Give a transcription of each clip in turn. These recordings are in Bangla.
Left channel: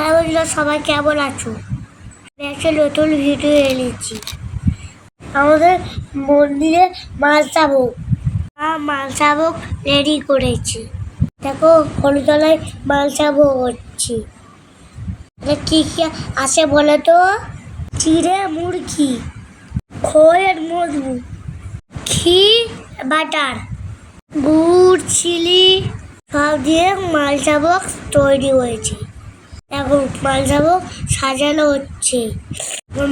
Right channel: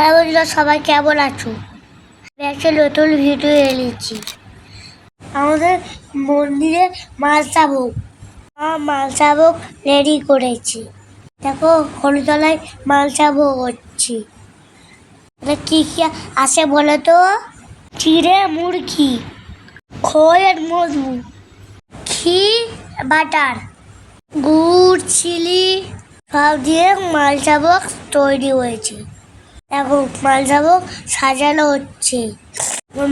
হ্যাঁ বন্ধুরা, সবাই কেমন আছো? একটা নতুন ভিডিও এনেছি আমাদের মন্দিরে মালসাভোগ মালসাভোগ রেডি করেছি। দেখো হলুতলায় মালসাভোগ হচ্ছে। কি কি আছে বলে তো? চিড়ে মুরগি, খোল আর মধু ঘি বাটার, গুড়, চিলি, সব দিয়ে মালসাভোগ তৈরি হয়েছে। এখন মালসাভোগ সাজানো হচ্ছে।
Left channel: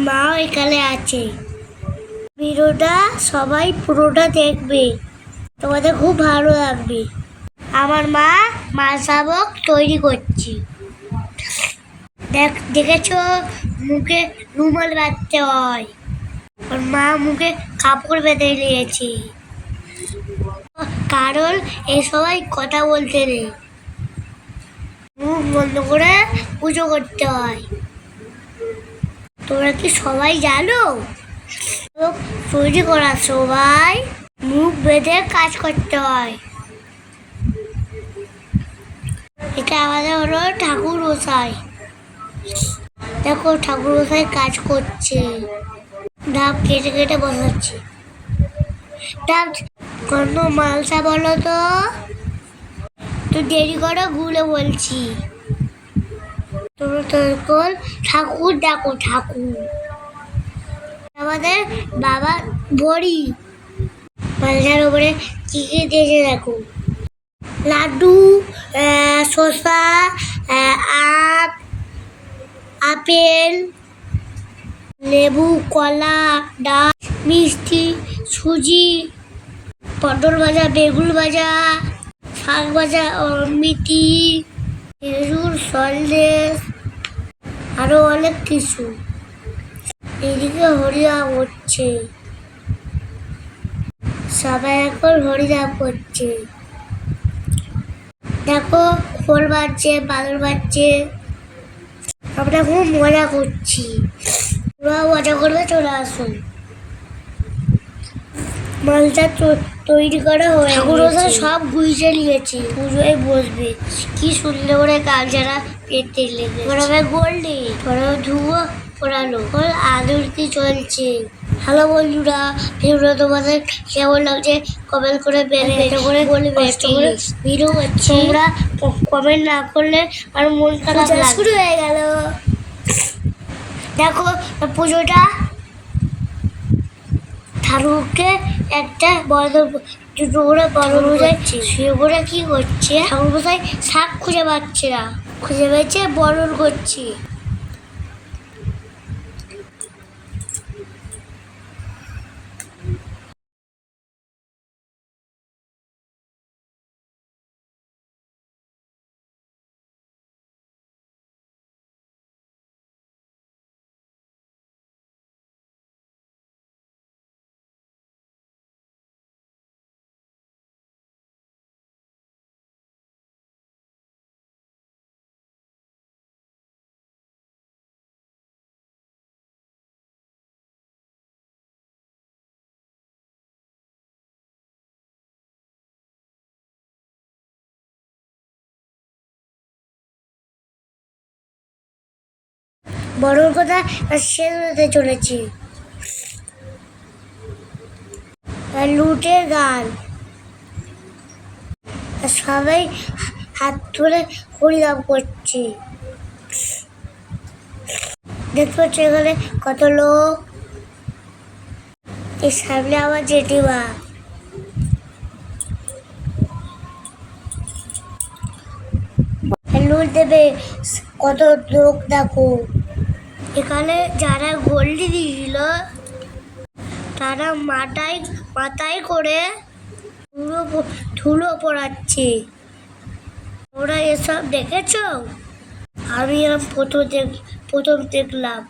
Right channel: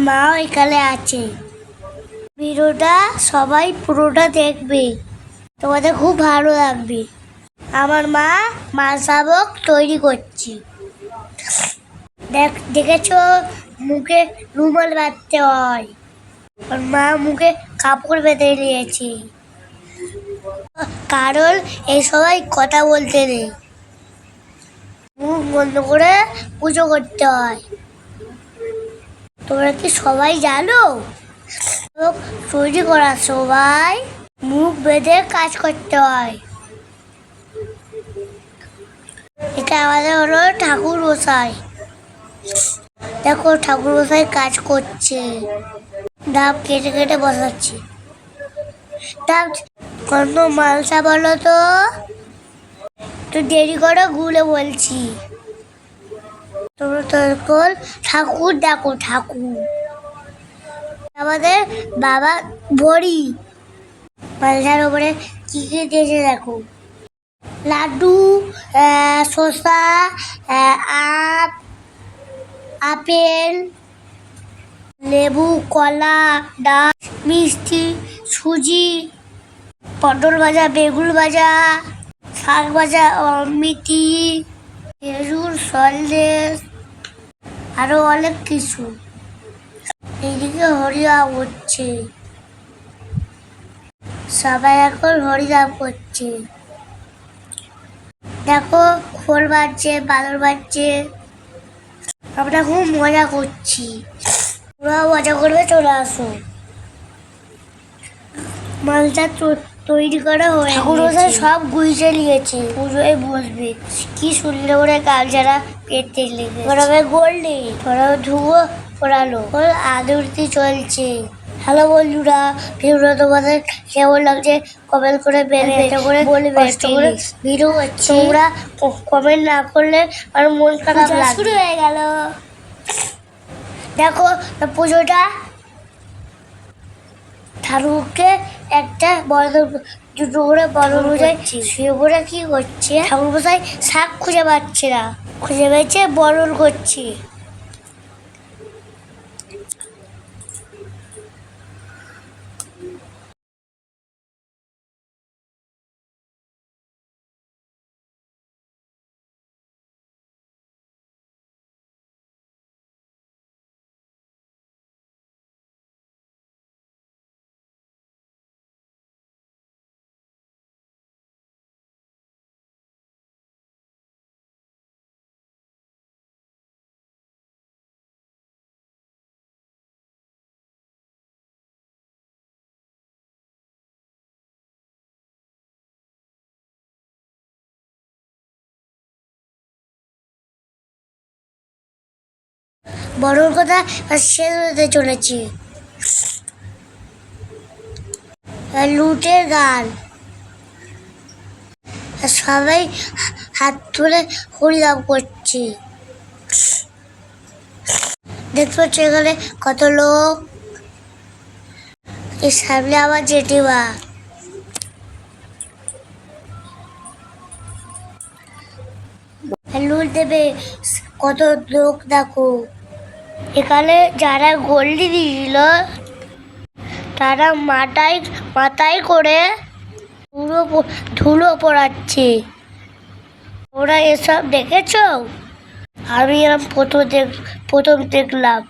মাও এখানে আছে। ভিডিওটা সবাই পুরোটা দেখবে। তোমাদের খুব ভালো লাগবে। আমার মা মালসাভোগ তৈরি করছে। দেখ, দেখেছ? মুখে রুমাল বাঁধতে হয়। মা মুখে কাপড় বেঁধে নিয়েছে। কারণ এই সবাই কথা বলতে নেই। মুখ বন্ধ করে পুজো করতে হয়। তোমরা কি সবাই জানো? তৈরি করা সবাই মুখ বেঁধে কাজ করতে হয়। এটা আমাদের হলো ঠাকুর মশাই। দেখো ঠাকুর মশাই কাজ করছে। ডাব কেটে কেটে বসাচ্ছে। ডাব কত মালসা বলো তো। তো দেরি করো, গুলে বলছি। তোমরা ঠাকুর ডাকো ঠাকুর। আমাদের বাবা বড়ি। মালসার উপরে কি কি দিয়েছে দেখো। লাড্ডু শসা আপ, আপেল, লেবু, কলা, ডাল, মিষ্টি, সুজি, পটল ভাজা, বেগুন ভাজা শাক ভাজা অমিতি খেজুর সন্দেশ আরও অনেক কিছু। এদিকে হরিনাম হচ্ছে সবাই এখন হরিনাম করছে। দেখো, খোল বাজছে বাদর বাজছে। আমরা খুব মজা করছি। তোমরা মজা করবে চলে আসো। মালটা তৈরি করা হয়ে ঠাকুর মশাই সব গুইজে নিয়েছে। পুজোয় বসবে। কি সুন্দর করে কালচারা পেতে লেগে ওরা গোল্ডে ওরা ধুয়ো পড়ালো। ওর আদরতি চলছে। হ্যালো বন্ধুরা ভিডিও তোমাদের কেমন লাগছে কমেন্ট করে বেড়ে করে বলবে ভিডিও তোমরা কমেন্ট না করলে আর মন খারাপ শুরু হয়ে গেল। দেখো পুজোটা ঠাকুরকে একটা বড় দুটো করে বড় বোঝাই শুয়ে পড়ে কি করছে? ঠাকুর বোঝায় শাক খুঁজে পাচ্ছে না। খুঁজে পেয়েছে বরণ করছে। বড়োর কথা শেষ হতে চলেছে। লুটের গান। সবাই হাত তুলে হরিনাম করছে। দেখতে পাচ্ছ এখানে কত লোক? এর সামনে আমার জেঠিমা। লুট দেবে কত লোক দেখো। এখানে যারা গোল্ডি দিয়েছিল, তারা মাথায় মাথায় করে ধুলো ধুলো পড়াচ্ছে। ওরা এসব দেখেছ? আমি এরকম প্রথম দেখ, প্রথম দেখলাম।